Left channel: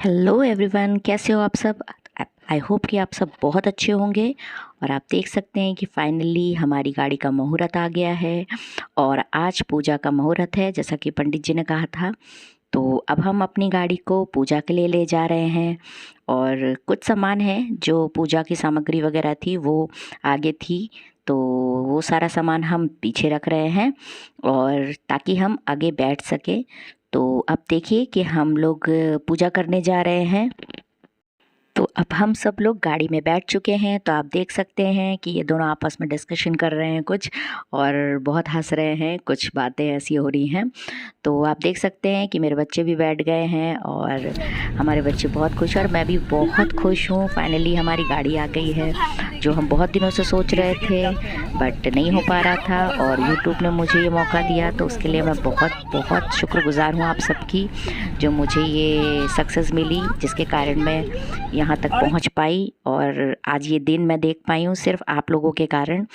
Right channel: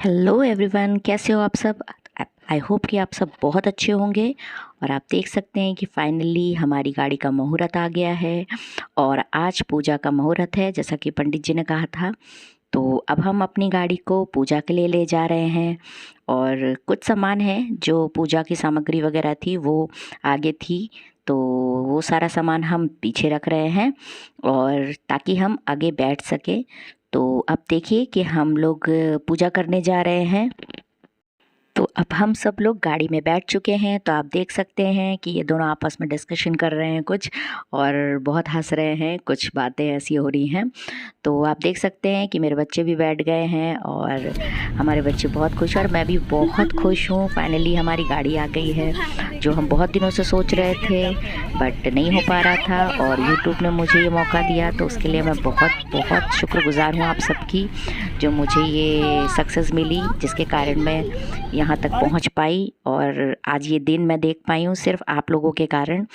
Hello everyone, कैसे हो आप सब। आई होप कि आप सब बहुत अच्छे होंगे। और आप देख सकते हैं कि फाइनली हमारी गाड़ी का मुहूर्त आ गया है और आज पूजा का मुहूर्त है, जैसा कि पंडित जी ने कहा था। तो अब हम अपनी गाड़ी को पूजा के लिए ले जा रहे हैं और कुछ सामान है जो पूजा की सामग्री वगैरह थी वो आगे थी, तो वो सारा सामान हम पीछे रख रहे हैं और ताकि हम आगे बैठ सके। तो अब देखिए कि हम लोग पूजा करने जा रहे हैं। तो अब हम सब लोग गाड़ी में बैठ चुके हैं, तो आप देख सकते हैं कि ये दोनों आपस में डिस्कशन कर रहे हैं कुछ, और बहुत हंस रहे हैं, कुछ बातें ऐसी हो रही हैं। तो आप देख सकते हैं कि मेरे बच्चे भी बैठ गए हैं और हमारे बच्चे बहुत खुश हैं और मैं भी बहुत खुश हूँ। फाइनली हमारी गाड़ी आ गई है, जो हम बहुत दिनों से सोच रहे थे बट नहीं हो पा रहा था, और यूट्यूब ने मुझे ये मौका दिया, तो उसके लिए मैं बहुत बहुत शुक्रगुजार हूँ आप सबकी, जो मुझे ये सक्सेस मिली, जिसके कारण मैं यहाँ तक पहुँच पाई और आज ये दिन मैं देख पाई हूँ सिर्फ आप लोगों के कारण।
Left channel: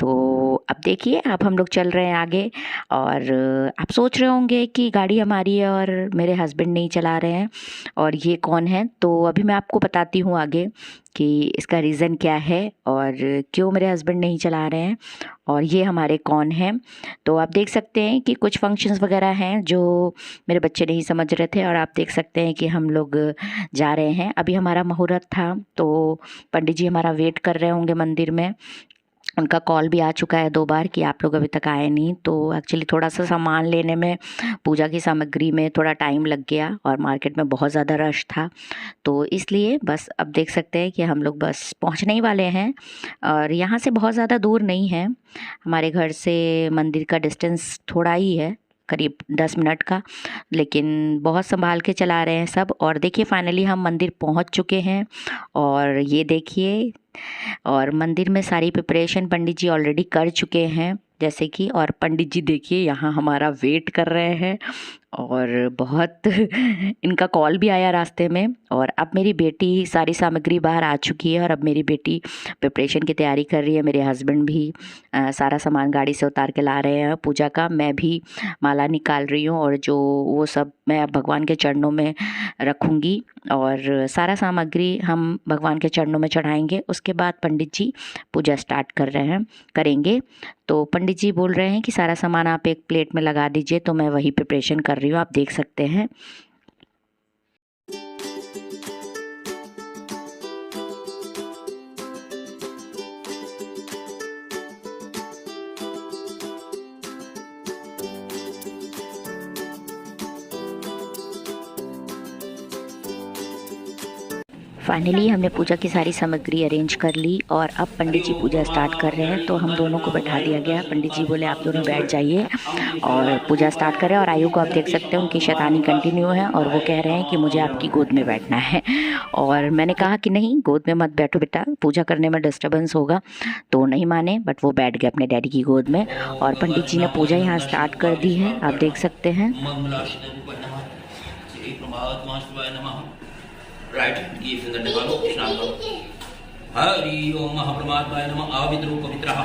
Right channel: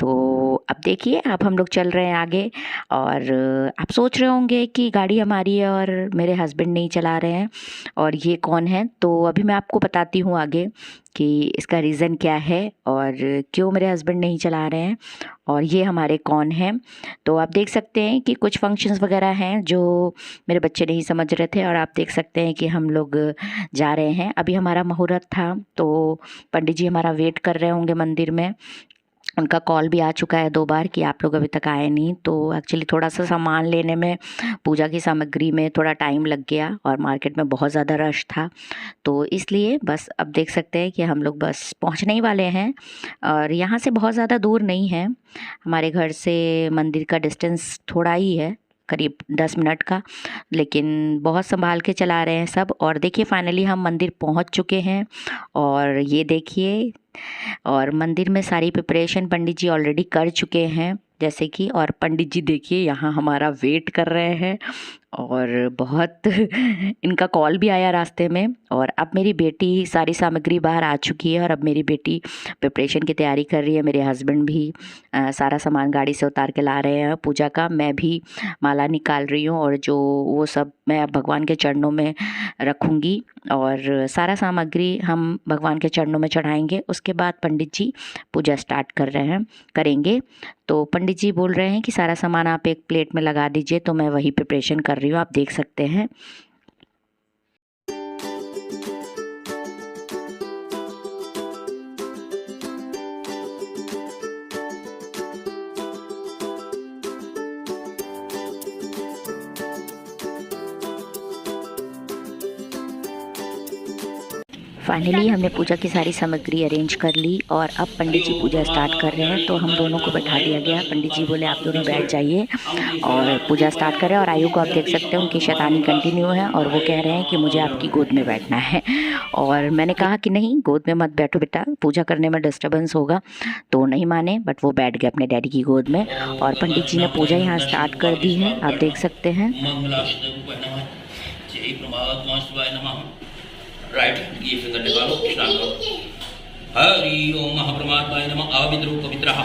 तो अब देखिए, अब हम लोग चल रहे हैं आगे। और आप सोच रहे होंगे कि गाड़ी हमारी है और मेरे हस्बैंड नहीं चला रहे हैं और ये कौन है। तो अभी मैं आपको बताती हूँ आगे कि इसका रीज़न क्या है और क्यों मेरे हस्बैंड नहीं चला रहे हैं और ये हमारे कौन हैं। तो आप देख सकते हैं कि कुछ फंक्शंस वगैरह हैं जो मेरे बच्चे नहीं समझ रहे थे, और आप देख सकते हैं कि हम लोग जा रहे हैं। अभी हमारा मुहूर्त था, तो पंडित जी हमारा वेट कर रहे होंगे मंदिर में। उनका कॉल भी आ चुका है 2 बार कि आप लोग अभी तक आए नहीं। तो एक्चुअली थोड़ा सा सामान लेने में, पूजा की सामग्री में थोड़ा टाइम लग गया और मार्केट में बहुत ज़्यादा रश था, तो इसलिए बस अब देख सकते हैं कि हम लोग बस पहुंचने ही वाले हैं। और यहाँ से बहुत ज़्यादा दूर नहीं है, हमारे घर से मंदिर का डिस्टेंस थोड़ा ही है, करीब 10 मिनट का, लेकिन बहुत संभाल के चला रहे हैं सब। और देखिए फाइनली हम मंदिर पहुंच चुके हैं और ये देखिए, और मंदिर में सारी प्रिपरेशन पंडित जी ऑलरेडी कर चुके हैं जैसे कि, और पंडित जी देखिए यहाँ हमारा वेट कर रहे हैं और बहुत इनका कॉल भी आया रास्ते में। और अब मेरी बेटी सारी सामग्री बाहर आ चुकी है और अब मेरी बेटी प्रिपरेशन की तैयारी कर रही है। मेरे हस्बैंड भी सारा सामान गाड़ी से उतार के ला रहे हैं पूजा का। मैं भी माला निकाल रही हूँ और जो वो सब मैं अब भगवान के चरणों में रखूँगी और सारा सामग्री हम भगवान के चरणों में चढ़ाएंगे। उसके बाद पंडित जी पूजा स्टार्ट करेंगे। तो पंडित जी बोल रहे हैं कि सारा सामान आप एक प्लेट में लगा दीजिए, तो मैं वही प्रिपरेशन कर रही हूँ, आप देख सकते हैं। फाइनली हमने पूजा की सारी सामग्री अरेंज कर ली और अब पंडित जी पूजा स्टार्ट कर रहे हैं। तो हम दोनों को बैठा दिया गया, पंडित जी बोले आप दोनों बैठ जाइए और पूजा स्टार्ट करें। और आयु को आप देख सकते हैं, उनकी शैतानी कंटिन्यू है और वो कह रहे हैं कि मुझे आपकी गोद में बैठना है। और मैंने कहा कि नहीं, गोद में मत बैठो बेटा, पूजा करने में डिस्टर्बेंस होगा। तो नहीं माने, बट वो बैठ गए अपने डैडी की गोद में। और पंडित जी ने पूजा यहाँ स्टार्ट कर दी है, आप देख सकते हैं। राइट, ये फिंगर निकालो, स्नान करो। हरि ओम महाप्रमात्माय नमः। आविद्रो पवित्रः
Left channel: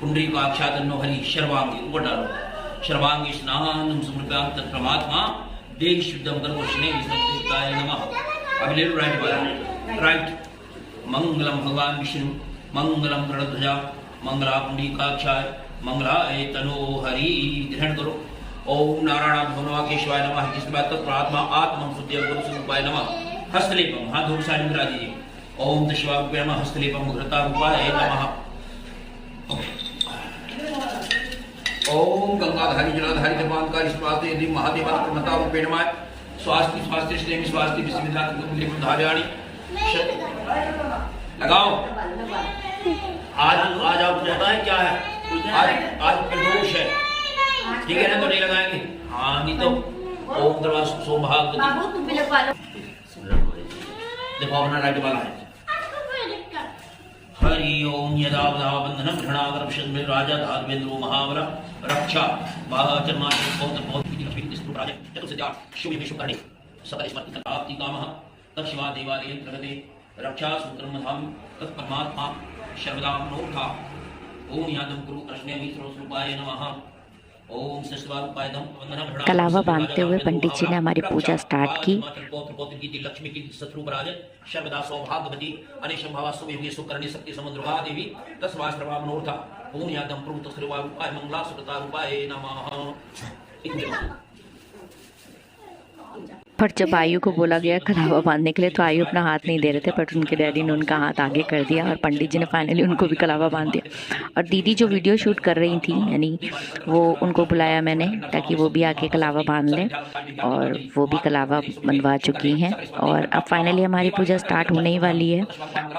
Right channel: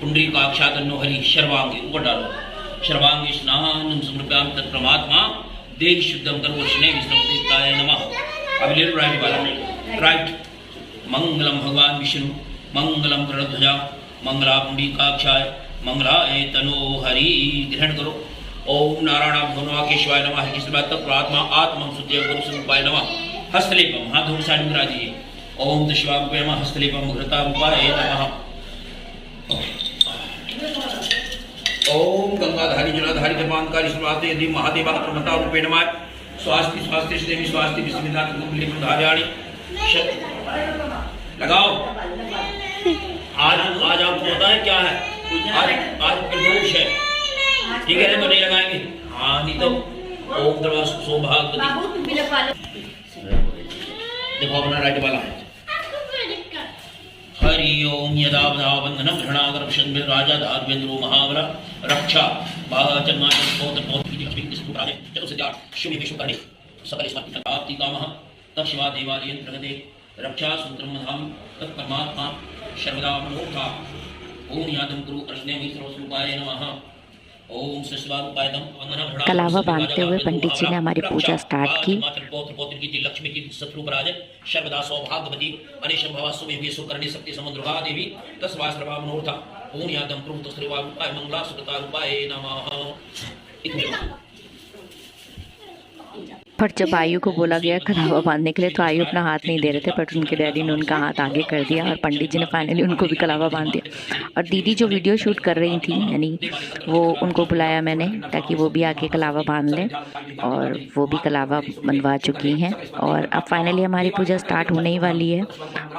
पुंडरीकाक्षातन्नो हरि। शर्वांगी ऊपर डालो, शर्वांगी स्नानं समर्पयामि तत्प्रमात्मा देहि शुद्धं कर्मोष्णे विष्णुदेवताय नमः। अब ले लो राइट वाला, राइट। मंगलम भगवान विष्णु, मंगलम गरुड़ध्वजा, मंगला पुंडरीकाक्षाय, मंगलाय तनो हरि। ग्रहण करो। ओम नारायण भगवान केशवाय नमः। किस बात तत्प्रमात्मा आत्मं शुद्धं गुरु स्वरूपाय नमः। हस्तलेपम, हाथ धूप साइड में करा दीजिए। ओम दशवाभ्याम हस्तलेपम घृतारूपाय नमः। ओम गंगाधारी जलाधारी जपानकारी स्वास्ति यदि महादेवाय प्रमता रूपे नमः। स्वास्ति स्वास्ति स्नेहि स्वास्ति विस्मिता कुंडली धार्याणि लगाओ। आज आपको पता है क्या है, आज प्रदोष है, ठीक है ना, तो नहीं लगाएंगे। हाँ नहीं तो ओम दरवाज सौभाग्य। देखो अपना राइट वाला है। हरि ओम यदा वदा बंधनम घृणागरपशन राजा धार्वेंद्रो महाबला रक्षा बाचमाचन पौत्र पौत्र की अभिक्त स्तुकाले चतुर्सिद्धा शुभ विश्वकर्णे सकल स्मृति प्राप्ति कामः तत्शिवा देवालयं प्रगते रक्षा सूत्रम धाम तत्परमात्मा शर्वदा मनोथा। ओम यादम गुरु अर्चने मित्र स्वरूपाय नमः। ओम सस्वारूपायदम वंदना भड़ा कलावा बांधते हुए पंडित जी ने हमारी पूजा स्टार्ट की। हिमाचल गोत्र गोत्र की लक्ष्मी की शत्रुपराज सर्वदा सौभाग्यवती अनिशम भवा सुमेवी सुकर्णी शक्ति समुद्रगा देवी तस्वा सर्वा मनोरथ ओम यादम प्रभु तस्वारूपाय मंगला सुखता रूपाय नमः। पर जब आयु को बोला गया कलावा बांधने के लिए तो आयु अपना हाथ नहीं दे रहे थे, बट उनके डैडी ने उनका हाथ आगे कर दिया और पंडित जी ने फाइनली उनको भी कलावा बांध दिया। और दीदी जो वीडियो शूट कर रही थी, यानी वो उनको बुलाया मैंने ताकि वो भी आके कलावा बांध लें, और वो भी कलावा बंधवा चुकी हैं। और अब फाइनली हमारी पूजा स्टार्ट होने ही वाली है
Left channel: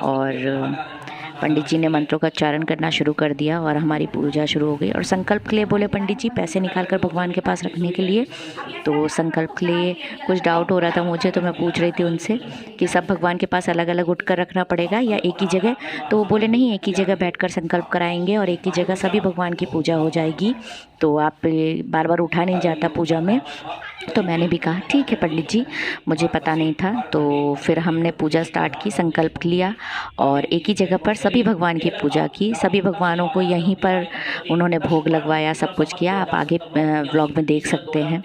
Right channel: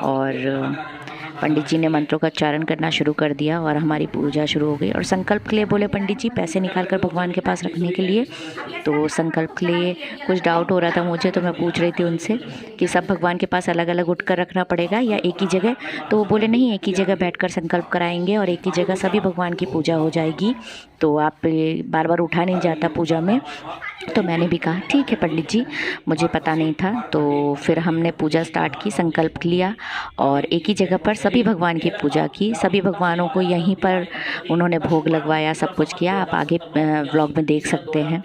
और पंडित जी ने मंत्रों का उच्चारण करना शुरू कर दिया और हमारी पूजा शुरू हो गई। और संकल्प के लिए बोले पंडित जी पैसे निकाल कर भगवान के पास रखने के लिए। तो संकल्प के लिए कुछ डाउट हो रहा था मुझे, तो मैं पूछ रही थी उनसे कि सब भगवान के पास अलग अलग उठकर रखना पड़ेगा या एक ही जगह। तो वो बोले नहीं, एक ही जगह बैठकर संकल्प कराएंगे और एक ही जगह सभी भगवान की पूजा हो जाएगी, तो आप बार बार उठा नहीं जाता पूजा में। तो मैंने भी कहा ठीक है पंडित जी, मुझे पता नहीं था। तो फिर हमने पूजा स्टार्ट की, संकल्प लिया और एक ही जगह पर सभी भगवान की पूजा की। सभी भगवानों को यहीं पर उन्होंने भोग लगवाया, सब कुछ किया, आप आगे व्लॉग में देख सकते हैं।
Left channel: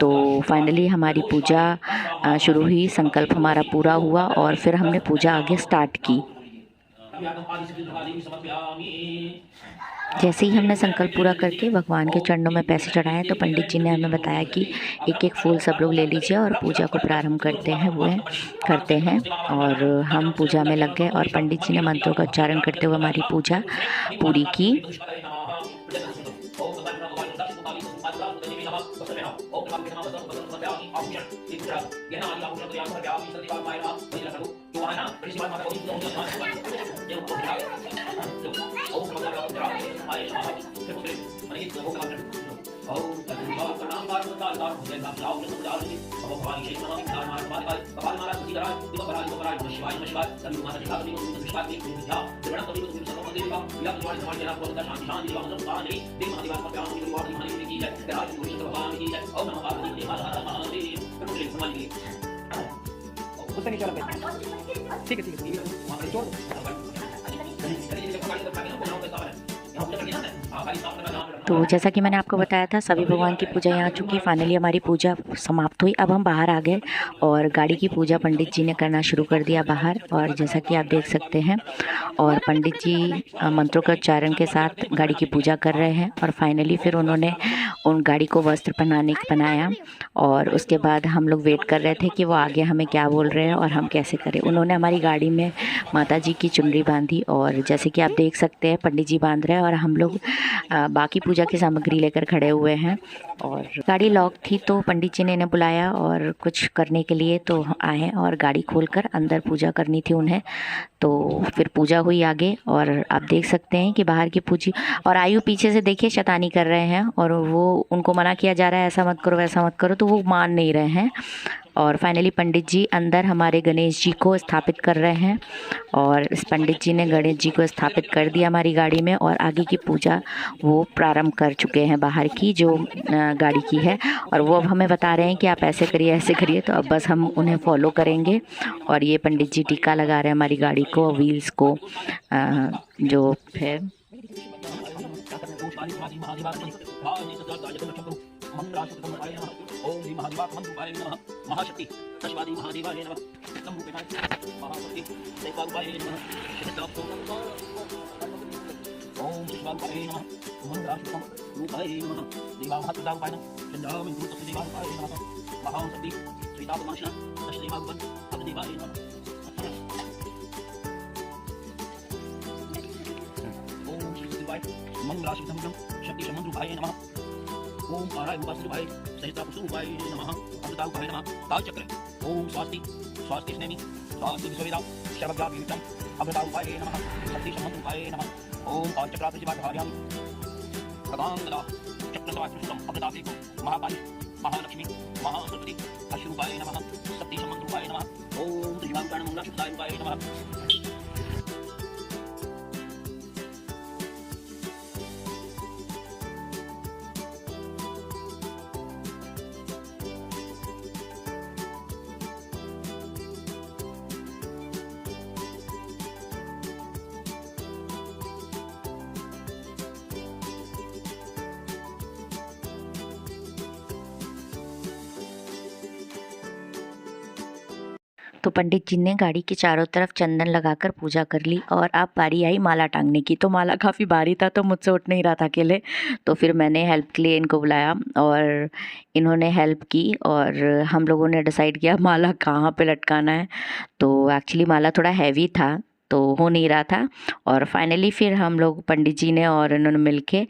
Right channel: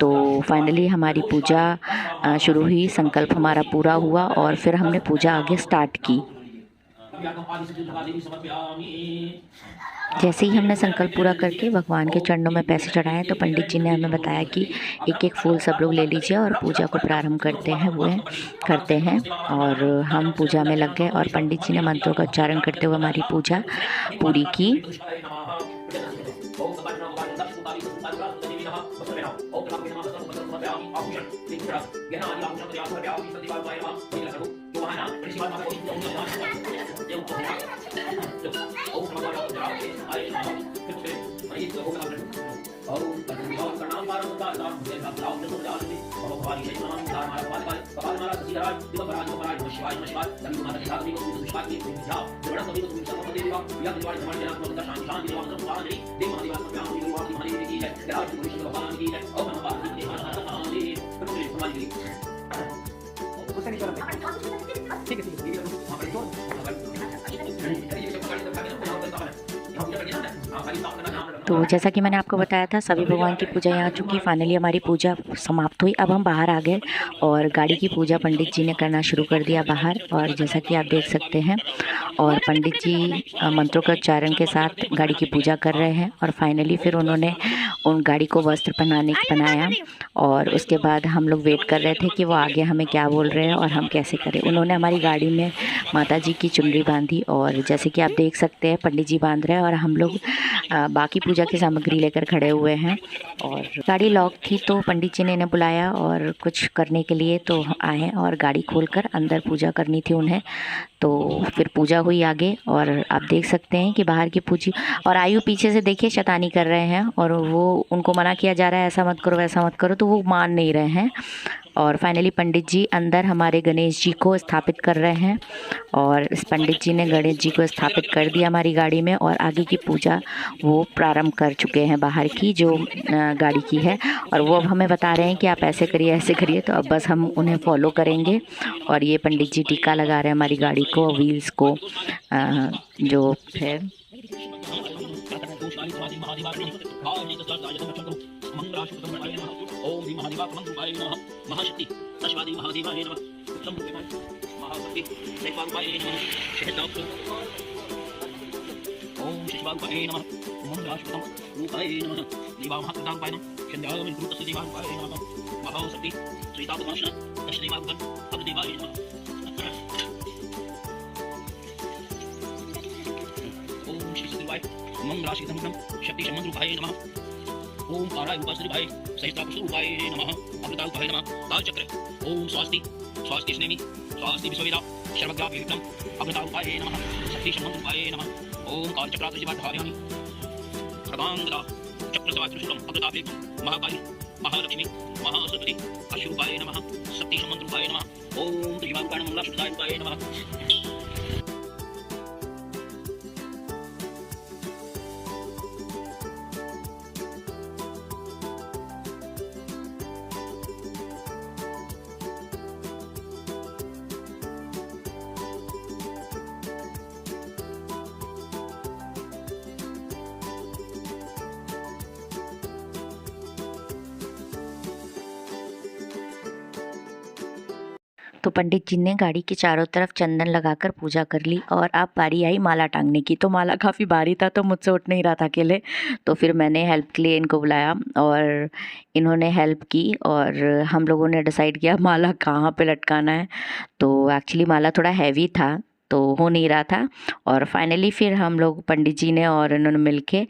तो फाइनली हमारी पूजा शुरू हुई, संकल्प हमारा पूरा हुआ और फिर हमने पूजा आगे स्टार्ट की। जैसे ही हमने संकल्प पूरा करके भगवान के चरणों में पैसे चढ़ाए तो पंडित जी ने हमें बताया कि एक एक फूल सब लोग ले लीजिए और पूजा को प्रारंभ करते हैं। और हम पूजा में लग गए और पंडित जी ने मंत्रों का उच्चारण करते हुए हमारी पूजा पूरी की। तो जैसा कि मैंने आपको बताया था सभी भगवान की पूजा यहाँ चुकी। फाइनली हमारी पूजा समाप्त हुई। अब हम बाहर आ गए और गाड़ी की पूजा पंडित जी ने करना शुरू कर दिया बाहर, और जैसा कि आप देख सकते हैं। और पंडित जी मंत्रों के उच्चारण के साथ गाड़ी की पूजा कर रहे हैं। और फाइनली फिर उन्होंने उन गाड़ी को वस्त्र पहनाया और उसके बाद हम लोग वेट कर रहे थे कि वो आगे हमें क्या बोल रहे हैं और हम कैसे करें। उन्होंने हमारी गाड़ी में माता जी की चुनरी बांधी और जैसे कि आप देख सकते हैं पंडित जी बांध रहे हैं और हम लोग बाकी पूजा की सामग्री लेकर खड़े हुए हैं। और गाड़ी लॉक थी तो पंडित जी ने इन्हें बुलाया और कुछ करने के लिए तो आए और गाड़ी खोलकर अंदर पूजा करनी थी उन्हें। तो फिर पूजा हुई आगे और आप देख सकते हैं कि बाहर की पूजी। और आयु पीछे से देखिए शैतानी कर रहे हैं और वो उनको मना किया जा रहा है ऐसा मत करो वैसा मत करो, तो वो मान नहीं रहे हैं। और फाइनली पंडित जी अंदर हमारे गणेश जी को स्थापित कर रहे हैं और इस पंडित जी ने गणेश जी को स्थापित कर दिया हमारी गाड़ी में और आगे की पूजा वो प्रारंभ कर चुके हैं बाहर की जो गाड़ी की है। और वो अब हमें बता रहे हैं कि आप ऐसे करिए ऐसे करिए, तो अब बस हम उन्हें फॉलो करेंगे। और ये पंडित जी टीका लगा रहे हैं हमारी गाड़ी को, व्हील्स को जो है। ओम श्री महादेवाय नमः महाशक्ति तस्वादी महादेवाय नमः संभूताय महाशक्ति दैवारूपाय नमः शहदाप्तो ओम श्री शिवारूपाय नमः मंगलाशुतम रूपाय नमः देवामहात्मदारूपाय नमः चंद्रामि गुरुतस्य देवारूपाय नमः महाशक्ति श्रीतापमाशना दशदेवारूपं अग्निदेवाय नमः ओम श्री शिवाय मंगलाशुतम शक्ति समंद्रूपाय नमः ओम आराय उपासरूपाय सहस्त्रापुष्परूपाय नमः अमृतारूपाय नमः कालचक्र ओम स्वस्ति स्वस्ति स्नेमि स्वस्ति विश्ववेदा सर्वग्राभीतम अमृतारूपाय नमः शक्ति समंद्रूपाय नमः ओम कालचक्रात्रिजवाधार्यामि सर्वांगदा चक्रसवात्रिशूलम अमृताभीतम महाकाली महालक्ष्मी महासरस्वती अश्वरूपाय नमः शक्ति समंद्रूपाय नमः ओम त्रिवारूपाय मंगलाशुदारूपाय नमः। तो पंडित जी ने गाड़ी के चारों तरफ चंदन लगाकर पूजा कर ली और अब बारी आई माला टांगने की। तो माला काफ़ी भारी था तो मुझसे उठ नहीं रहा था अकेले, तो फिर मैंने हेल्प के लिए इनको बुलाया और इन्होंने हेल्प की और हम लोगों ने डिसाइड किया माला कहाँ पे लटकाना है। तो एक्चुअली माला थोड़ा हैवी था तो हो नहीं रहा था और फाइनली फिर हम लोग पंडित जी ने और इन्होंने मिलके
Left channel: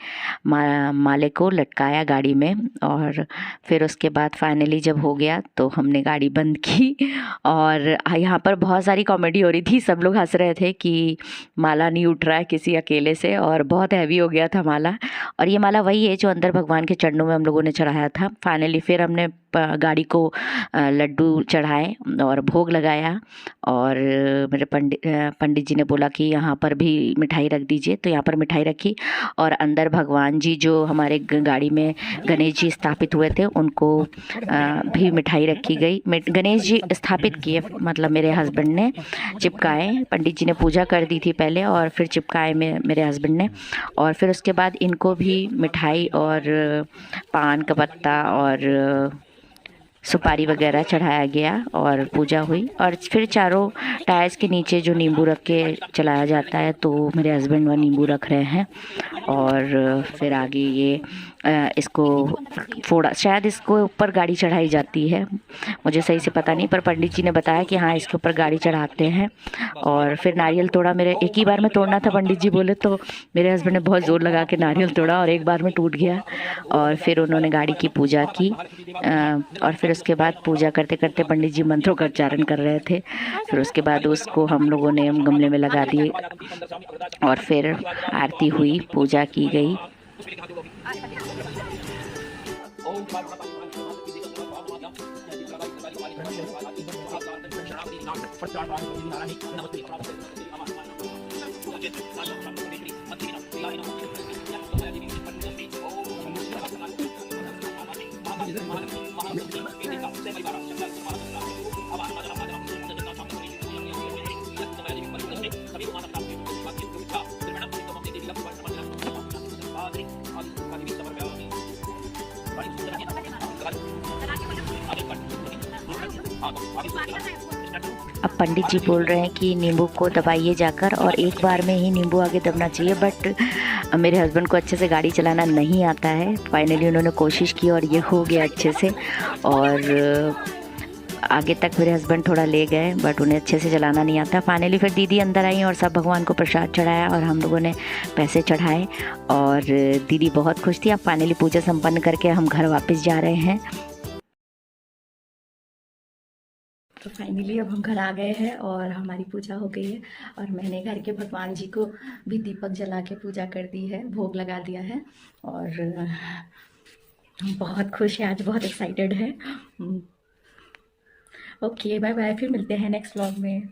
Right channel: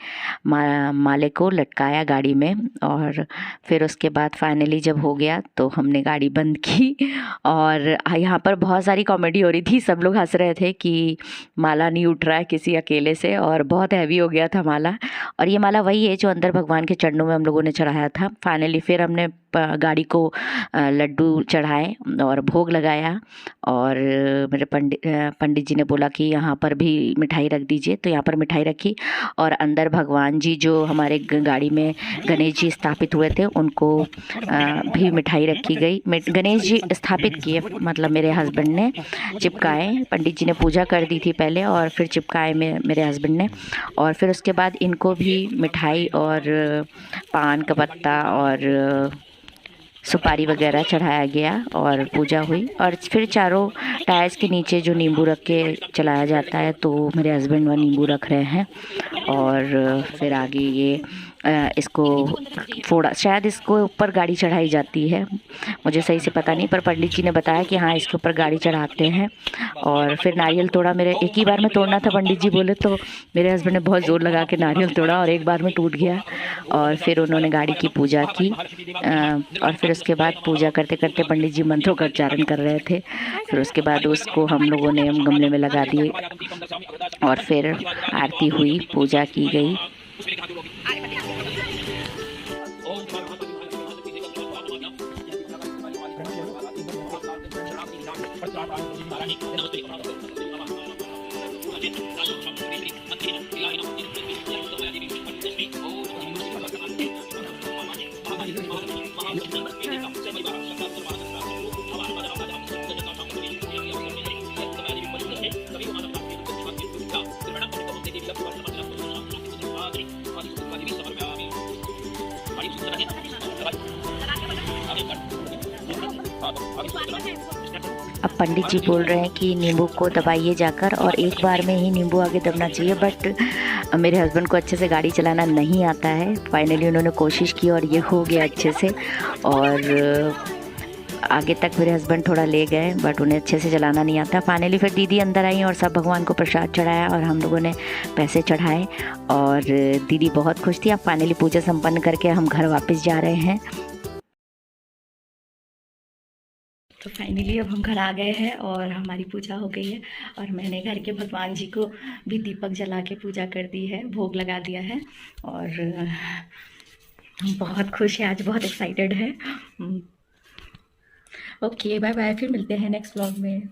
माले को लटकाया गाड़ी में। और फिर उसके बाद फाइनली जब हो गया तो हमने गाड़ी बंद की और यहाँ पर बहुत सारी कॉमेडी हो रही थी। सब लोग हंस रहे थे कि माला नहीं उठ रहा है किसी अकेले से और बहुत हैवी हो गया था माला। और ये माला वही है जो अंदर भगवान के चरणों में हम लोगों ने चढ़ाया था। फाइनली फिर हमने गाड़ी को लड्डू चढ़ाए और भोग लगाया और मेरे पंडित जी ने बोला कि यहाँ पर भी मिठाई रख दीजिए, तो यहाँ पर मिठाई रखी और अंदर भगवान जी जो हमारे गाड़ी में गणेश जी स्थापित हुए थे उनको भी मिठाई रखी गई। गणेश जी स्थापित किए मतलब मेरे हस्बैंड ने चिपकाए। पंडित जी ने पूजा कर दी थी पहले और फिर चिपकाए मेरे हस्बैंड ने। और फिर उसके बाद इनको भी मिठाई और पान का पत्ता और सुपारी वगैरह चढ़ाया गया और पूजा हुई। और फिर चारों टायर्स के नीचे जो नींबू रख के चलाया जाता है तो मेरे हस्बैंड वह नींबू रख रहे हैं। और फिर आगे ये इसको फोड़ा, शायद इसको ऊपर गाड़ी चढ़ाई जाती है, मुझे सही से पता नहीं, पर पंडित जी ने बताया कि हाँ इसके ऊपर गाड़ी चढ़ाते हैं। और फिर नारियल तोड़ा, मेरे एक ही बार में तोड़ना था पंडित जी बोले, तो मेरे हस्बैंड ने बहुत ज़ोर लगा के नारियल तोड़ा और एक बार में टूट गया। और फिर उन्होंने गाड़ी की पूजा की और फिर उसके बाद पूजा करते करते पंडित जी मंत्रों का उच्चारण कर रहे थे। फिर उसके बाद उसको हम लोगों ने गमले में लगा दिए और फिर आरती हुई, पूजा की गई। अब पंडित जी बोल रहे हैं कि नींबू को दबाइए जाकर और एक बार में ही नींबू आगे दबना चाहिए, बट मेरे हस्बैंड को अच्छे से गाड़ी चलाना नहीं आता है। फाइनली उन्होंने कोशिश की और ये हो गया अच्छे से। और आगे तक मेरे हस्बैंड थोड़ा ले गए बट उन्हें अच्छे से चलाना नहीं आता। फाइनली फिर दीदी अंदर आई और सब भगवान को प्रसाद चढ़ाया और हम लोगों ने पैसे चढ़ाए और दीदी बहुत खुश थी। अब फाइनली पूजा संपन्न करके हम घर वापस जा रहे हैं। तो फाइनली अब हम घर आ गए हैं और हमारी पूजा हो गई है और मैंने घर के भगवान जी को भी दीपक जला के पूजा कर दी है, भोग लगा दिया है और हम बहुत खुश हैं, आज बहुत एक्साइटेड है। ओके बाय बाय, फिर मिलते हैं नेक्स्ट व्लॉग में।